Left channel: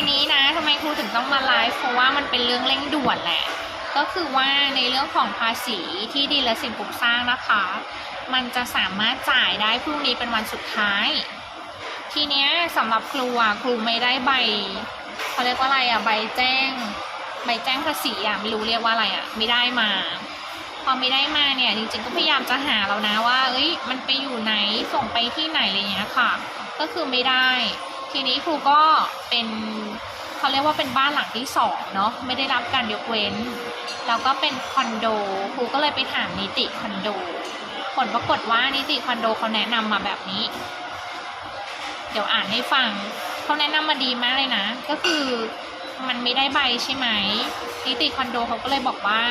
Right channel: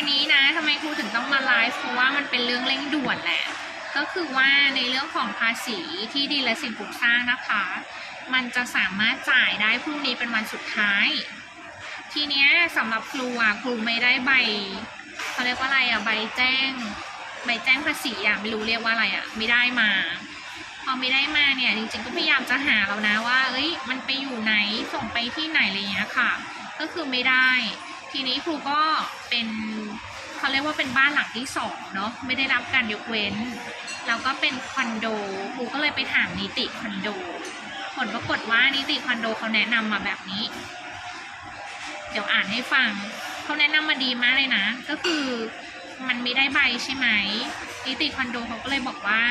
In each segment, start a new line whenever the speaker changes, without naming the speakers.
วันนี้นะทำไมครูถึงต้องมาไลฟ์เพราะว่ามันเป็นเรื่องเร่งด่วนแหละ ก็คือว่าในเรื่องของภาษีที่ดินและสิ่งปลูกสร้างนะคะ มันจะสามารถจ่ายได้พรุ่งนี้เป็นวันสุดท้าย ทีเนี้ยสำหรับครูอะครูไม่ได้ใบเขาเรียกว่าอะไรอะใบแจ้ง ใบแจ้งภาษีอะไม่รู้เรียกว่าอะไรอะไม่ได้มาพอไม่ได้มาเนี่ยจริงๆก็พยายามจะหาแล้วนะว่า เอ้ยมันไปอยู่ไหนส่งไปที่ไหนอะไรเงี้ยค่ะ ก็คือไม่ได้ ทีนี้ครูก็เป็นเขาเรียกว่าเป็นบ้านหลังที่สองเนาะไม่ได้รับการยกเว้น แล้วก็เป็นคอนโดครูก็เลยไปถามนิติคอนโด ผลปรากฏว่านิติคอนโดเขาแนะนำมาแบบนี้ เดี๋ยวอ่านให้ฟังเขาแนะนำมาดีมากเลยนะ ก็คือมันไม่ได้ใบใช่ไหมนิติคอนโดเขาก็เลยบอกว่า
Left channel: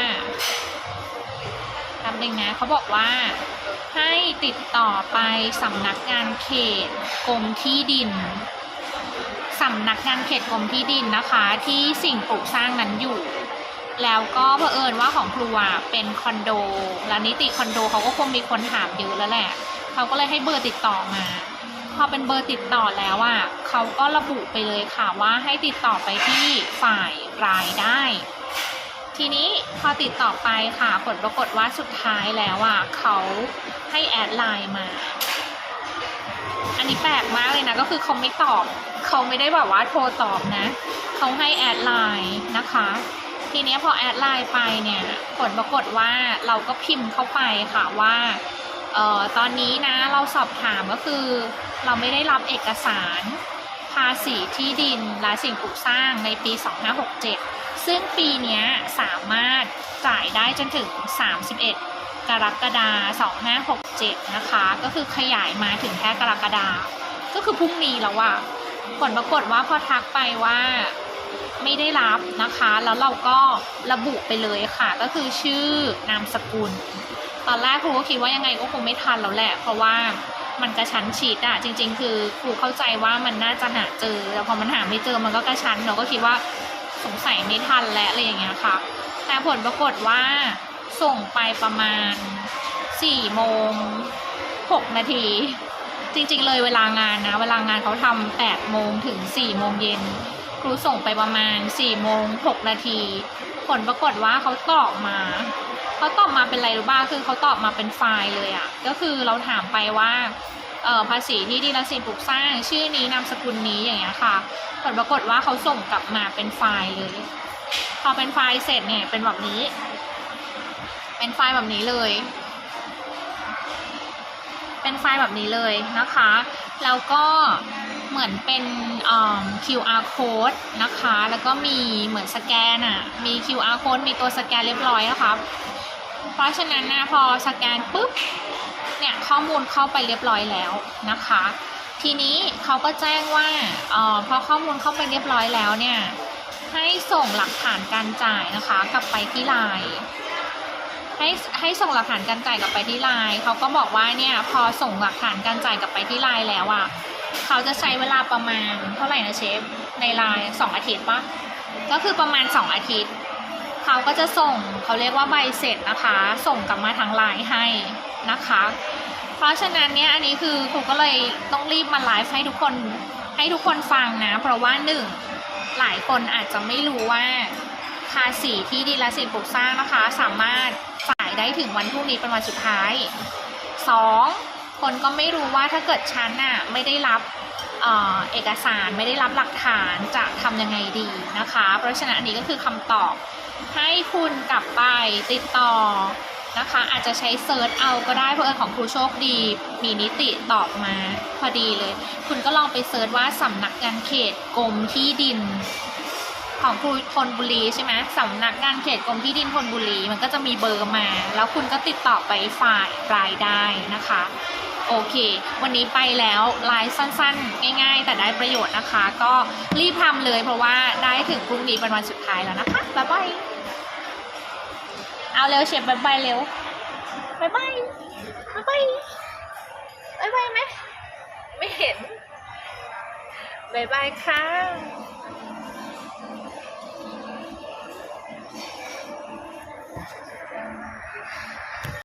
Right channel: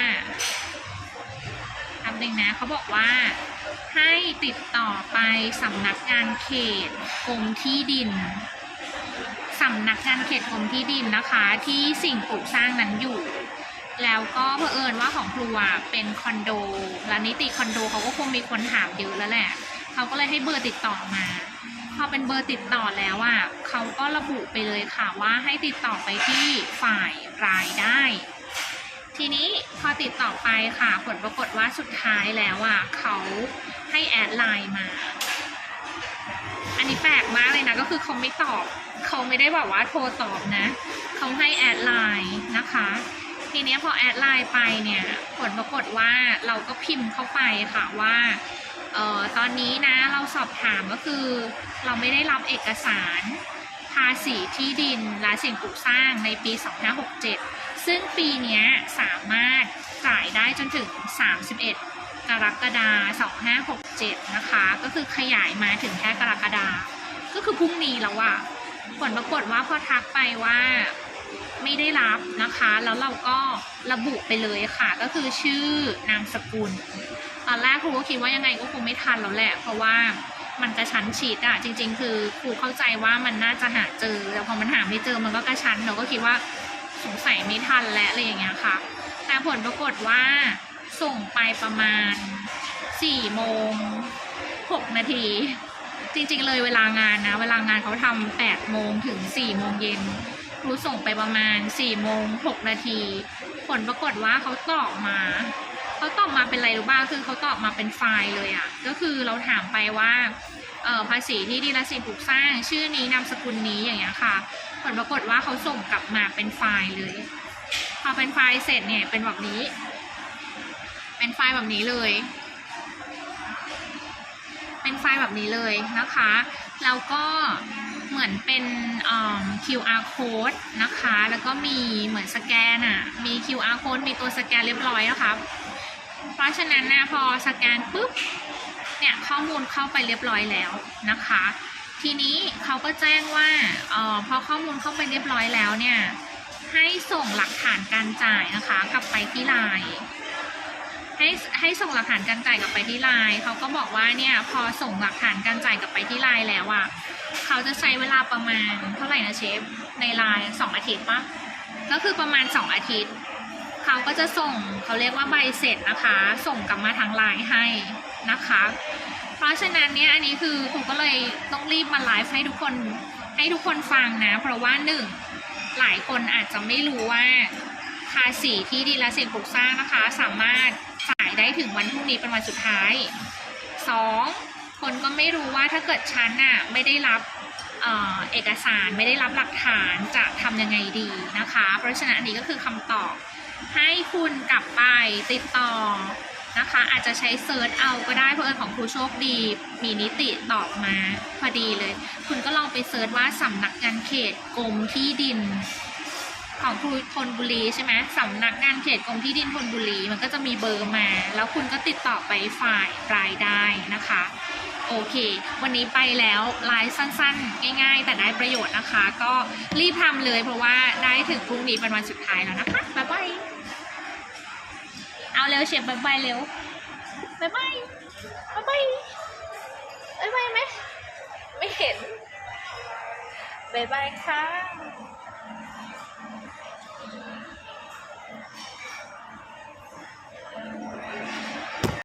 คำหนึ่งนะเขาบอกว่าให้ติดต่อไปสำนักงานเขตกรมที่ดินำนักงานเขตกรมที่ดินนะคะ ที่สิ่งปลูกสร้างนั้นอยู่ แล้วก็เผอิญว่าของครูอะเป็นคอนโดแล้วนิติคอนโดเขาก็คงมีคนถามเยอะแล้วแหละเขาก็เลยให้เบอร์ติดต่อมาพอเป็นเบอร์ติดต่อแล้วอะเขาก็ระบุไปเลยค่ะว่าให้ติดต่อไปที่ฝ่ายรายได้ ทีนี้พอติดต่อไปค่ะผลปรากฏว่าสุดท้ายแล้วอะเขาให้แอดไลน์มา อันนี้แปลกมากเลยนะก็คือเขาไม่ตอบ เขาไม่ได้แบบว่าโทรตอบนะ เขาให้แอดไลน์นะคะ ทีนี้พอแอดไลน์ไปเนี่ย ผลปรากฏว่าเราก็พิมพ์เข้าไปค่ะว่าเอ่อตอนนี้นะเราสอบถามก็คือ เราไม่ได้รับเอกสารภาษีที่ดินและสิ่งปลูกสร้างในปี 2567 ซึ่งปีนี้สามารถจ่ายได้จนถึง 31 กรกฎาคม2567 นะคะ ก็คือขยายมาถึงแค่กรกฎาคมก็คือพรุ่งนี้แล้วอะ ผลปรากฏว่าพอทักไปว่าไม่ได้รับนะคะ แล้วเราก็ระบุไปเลยค่ะ ก็คือชื่อนามสกุล ตอนแรกครูก็คิดว่ายังไงก็คงไม่ทันแล้วแหละ เพราะว่ามันกระชั้นชิดอะจริง ๆ คือครูเข้าใจว่ามันน่าจะหาเจอ แล้วพอมันหาไม่เจอมันก็กระชั้นเราก็คิดว่าสงสัยไม่ทันและอะไรอย่างเงี้ยค่ะ แต่ผลปรากฏว่าส่งไปประมาณ4โมง6นาที จริง ๆ เลยเวลางานนะ เวลางานเขาทำ8โมงถึง4โมงเย็น ครูส่งไปประมาณ4โมง6นาที ผลปรากฏว่าเขาตอบมาเขาตอบมาเป็นอะไรรู้บ้างคือเขาตอบมาเป็นไฟล์เลยอะ่ะ ก็คือเราถามไปว่าเออภาษีที่ดินและสิ่งปลูกสร้าง ชื่อนี้นามสกุลนี้อย่างเงี้ยค่ะ ผลปรากฏว่าเขาส่งกลับมาเป็นไฟล์เลย พอเป็นไฟล์เสร็จเนี่ยเป็นแบบนี้ เป็นไฟล์แบบนี้เลย ไฟล์แบบนี้เลยนะคะแล้วก็เหมือนเป็น QR code นะคะ แล้วก็มีเหมือนสแกนอะ่ะ มี QR code มีตัวสแกนเรียบร้อยนะคะเพราะฉะนั้นนะพอสแกนปุ๊บเนี่ยข้อมูลเข้าไปเรียบร้อยแล้วนะคะ ทีนี้เขาก็แจ้งว่าออพอข้อมูลเข้าไปเรียบร้อยแล้วเนี่ยให้ส่งหลักฐานการจ่ายนะคะ กลับไปที่ไลน์ ให้ให้ส่งหลักฐานการจ่ายกลับไปที่ไลน์เขาก็บอกว่าเนี่ยพอส่งหลักฐานการจ่ายกลับไปที่ไลน์แล้วอะ่ะเขาจะใช้เวลาประมาณเท่าไหร่นะเชฟในไลน์สองอาทิตย์ปะก็คือประมาณสองอาทิตย์เขาก็จะส่งเขาเรียกว่าใบเสร็จนะคะ ส่งกลับมาทางไลน์ให้นะคะ เพราะฉะนั้นเนี่ยอันนี้คือครูก็เลยต้องรีบมาไลฟ์ให้ทุกคนให้ทุกคนฟังนะ เพราะว่าหนึ่งหลายคนอาจจะไม่รู้ว่า ภาษีที่ดินและสิ่งปลูกสร้างนะคะ สามารถจ่ายได้ถึงวันพรุ่งนี้เป็นวันสุดท้ายสองคนก็ไม่รู้ว่าถ้าเกิดฉันน่ะไม่ได้รับเอเอกสารไม่ได้รับหลักฐานจะทำยังไงดีนะคะ เพราะฉะนั้นอันนี้ก็คือคำตอบ ให้คุณกลับไปติดต่อนะคะ อาจจะใช้เซิร์ชเอาก็ได้เพราะเอิญของครูโชคดี มีนิติตอบมาพอดีเลย คุณก็ลองไปเซิร์ชว่าสำนักงานเขตกรมที่ดิน ของครูธนบุรีใช่ไหมสำนักงานเขตกรมที่ดินธนบุรีมันก็จะมีเบอร์มา แล้วคุณก็ติดต่อไปฝ่ายรายได้นะคะ โอเค วันนี้ไปแล้วไลฟ์สั้นๆ ง่าย ๆ แต่ได้ประโยชน์นะคะ ก็รีบทำเลยเพราะว่าได้ถึงพรุ่งนี้เป็นวันสุดท้ายแล้วนะคะบ๊ายบายเอาเร็วเชฟบ๊ายบายเร็วบ๊ายบายบ๊ายบายบ๊ายบายไหมไม่เห็นบ๊ายบายค่ะ